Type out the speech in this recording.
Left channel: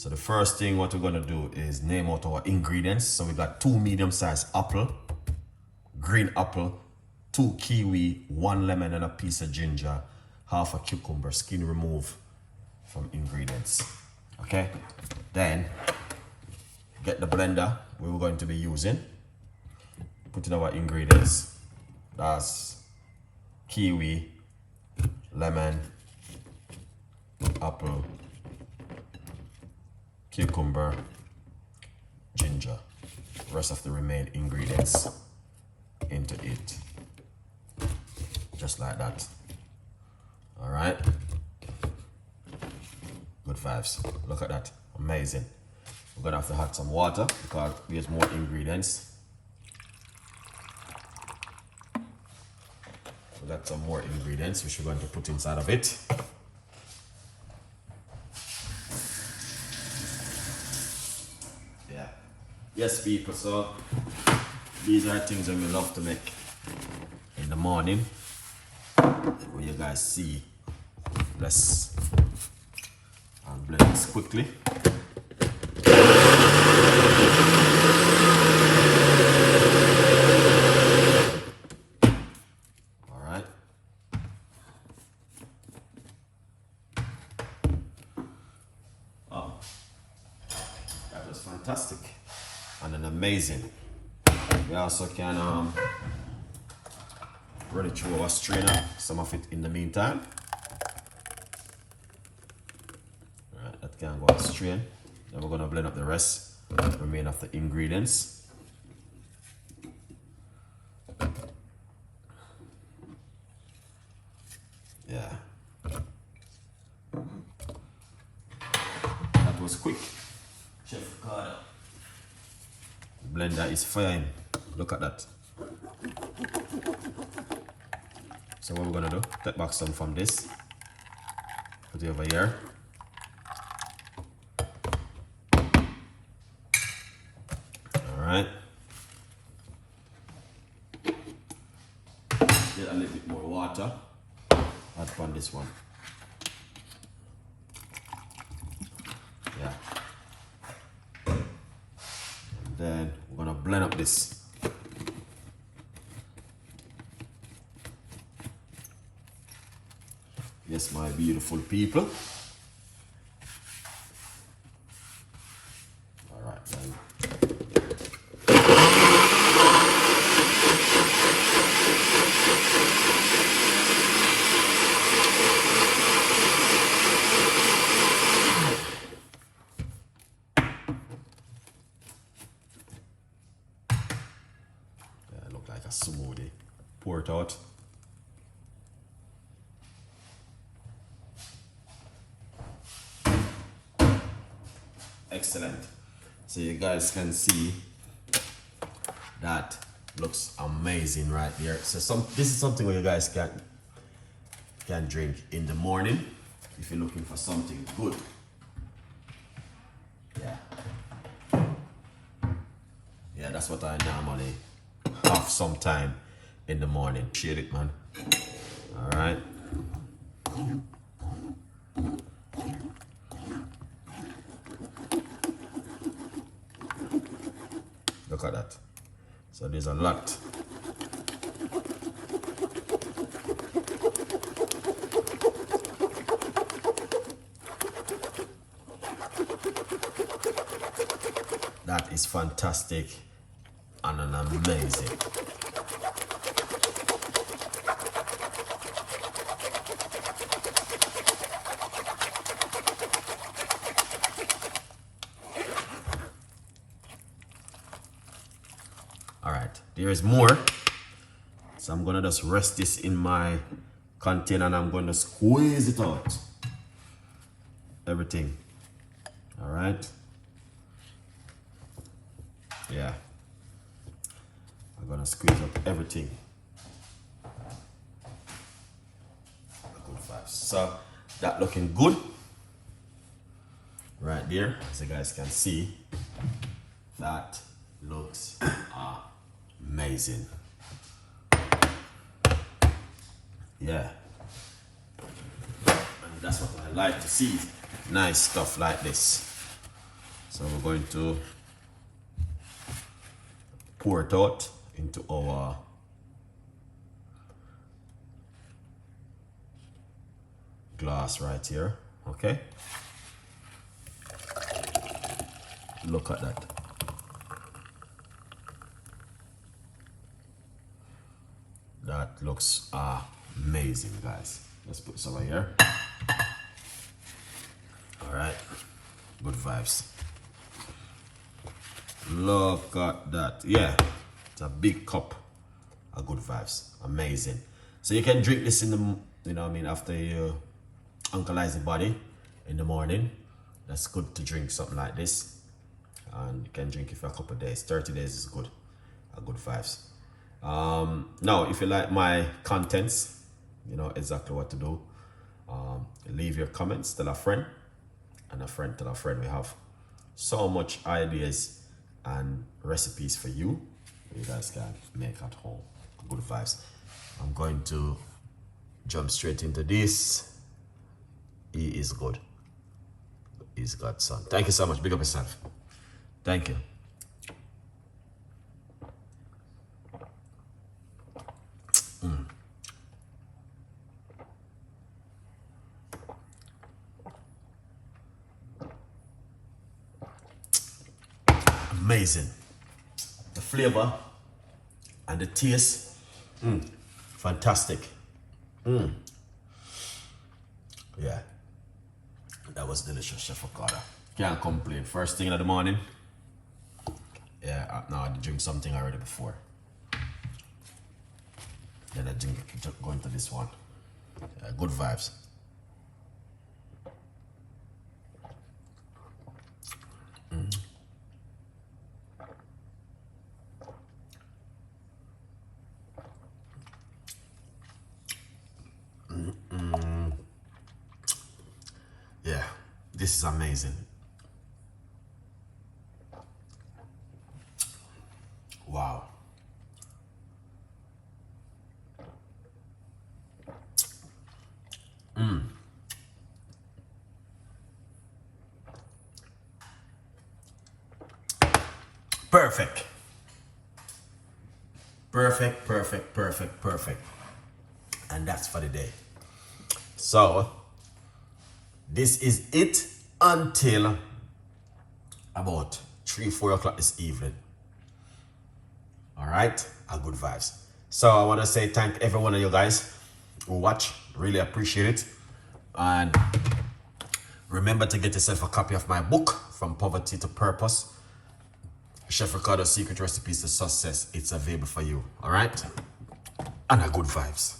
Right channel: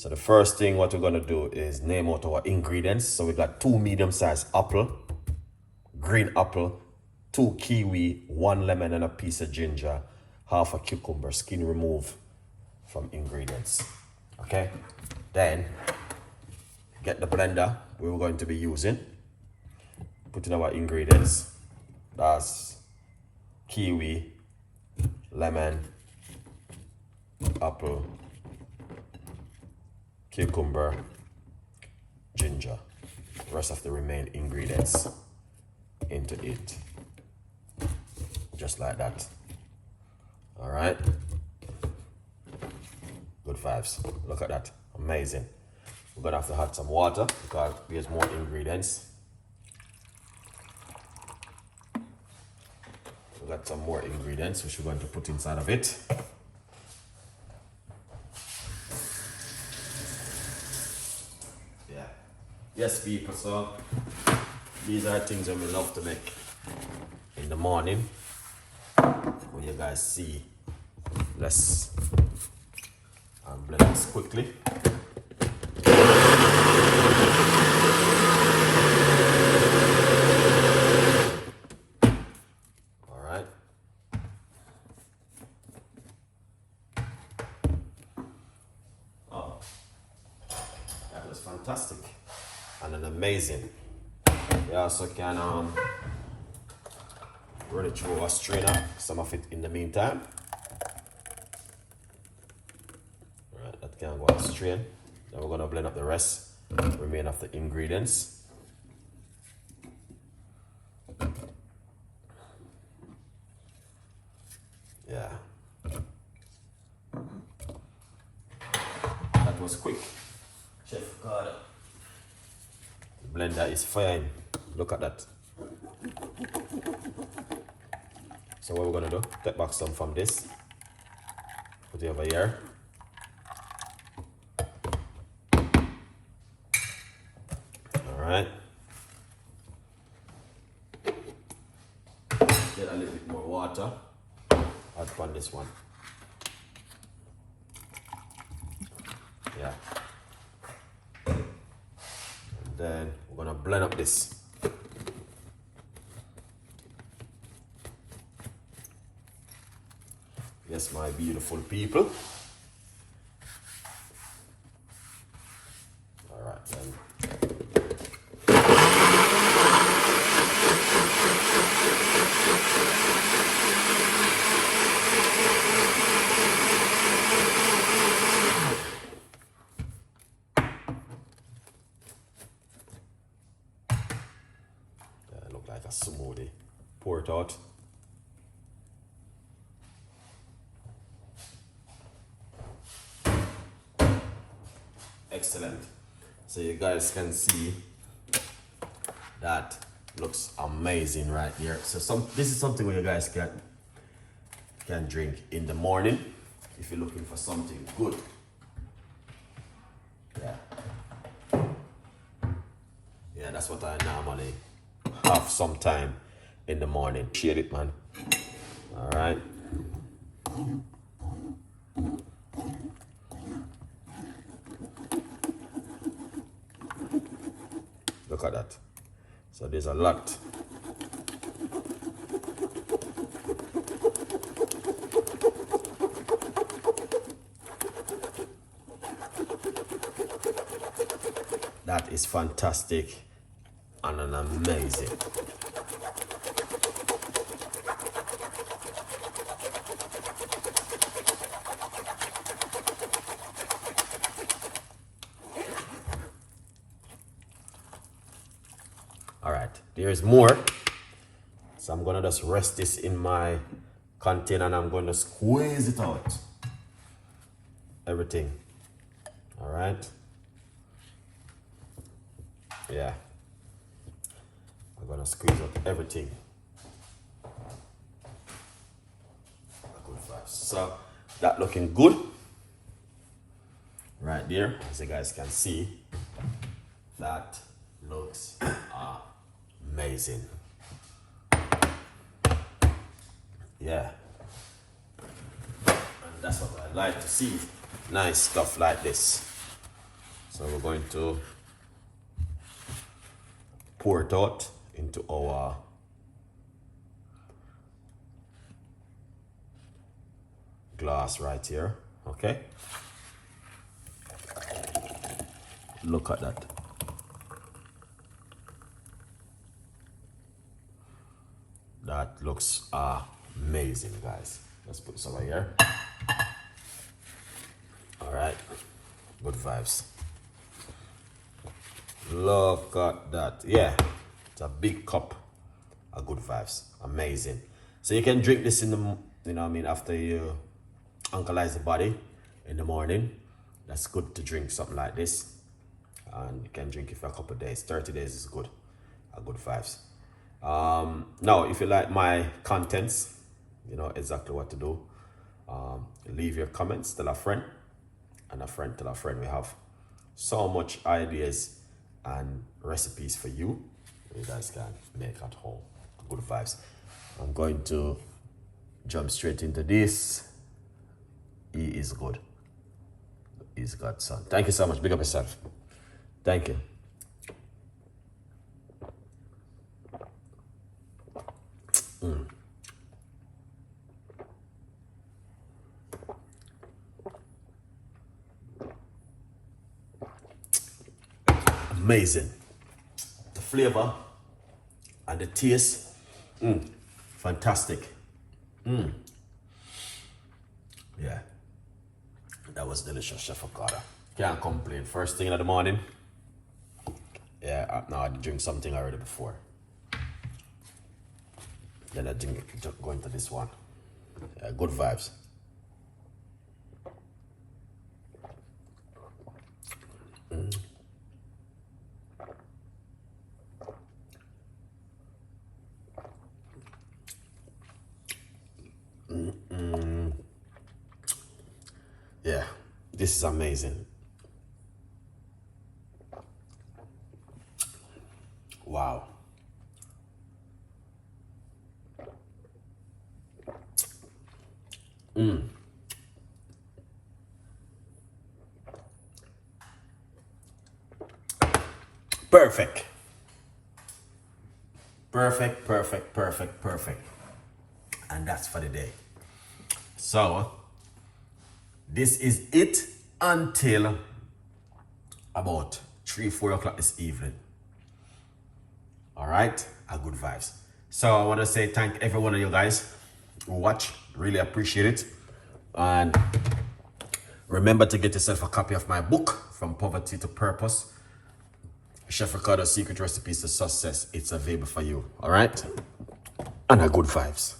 So the first thing what we're gonna do is name out our ingredients. So we got 2 medium-sized apple, green apple, 2 kiwi, 1 lemon and a piece of ginger, half a cucumber, skin remove from ingredients. Okay, then get the blender we're going to be using. Put in our ingredients. That's kiwi, lemon, apple, cucumber, ginger. The rest of the remaining ingredients into it. Just like that. All right. Good vibes. Look at that. Amazing. We're gonna have to add some water because there's more ingredients. We got some more ingredients which we're going to put inside of it. Yeah. Yes, people. So these are things that we love to make in the morning. What you guys see. Let's blend this quickly. All right. Oh, that was fantastic and an amazing. We also can run it through our strainer, some of it in the meantime. Alright, that can go on strain. Then we're gonna blend up the rest, the remaining of the ingredients. Yeah. That was quick. Chef Ricardo. The blender is fine. Look at that. So what we're gonna do, take back some from this, put it over here. All right. Get a little bit more water, add on this one. Yeah. And then we're gonna blend up this. Yes, my beautiful people. All right, then. That look like a smoothie. Pour it out. Excellent. So you guys can see that looks amazing right here. So this is something where you guys can drink in the morning if you're looking for something good. Yeah, that's what I normally have sometime in the morning. Appreciate it, man. All right. Look at that. So there's a lot. That is fantastic and an amazing. All right, there is more. So I'm gonna just rest this in my container and I'm gonna squeeze it out. Everything. All right. Yeah. I'm gonna squeeze out everything. So that looking good. Right there, as you guys can see, that looks amazing. Yeah, and that's what I like to see. Nice stuff like this. So we're going to pour it out into our glass right here. Okay. Look at that. That looks amazing, guys. Let's put some right here. All right, good vibes. Look at that. Yeah, it's a big cup of good vibes. Amazing. So you can drink this in the, you know what I mean, after you alkalize the body in the morning. That's good to drink something like this. And you can drink it for a couple of days. 30 days is good. Good vibes. Now, if you like my contents, you know exactly what to do. Leave your comments, tell a friend, and a friend tell a friend. We have so much ideas and recipes for you. You guys can make at home. Good vibes. I'm going to jump straight into this. He is good. He's godson. Thank you so much. Big up yourself. Thank you. Amazing. The flavor and the taste, fantastic. Yeah, that was delicious, Chef Ricardo. Can't complain. First thing in the morning. Yeah, now I drink something already before. Then I drink it, go into this one. Yeah, good vibes. Yeah, this is amazing. Wow. Perfect. Perfect, perfect, perfect, perfect. And that's for the day. So, this is it until about 3-4 o'clock this evening. All right, good vibes. So I want to say thank every one of you guys who watch. Really appreciate it. And remember to get yourself a copy of my book, From Poverty to Purpose, Chef Ricardo's Secret Recipes to Success. It's available for you. All right, and good vibes.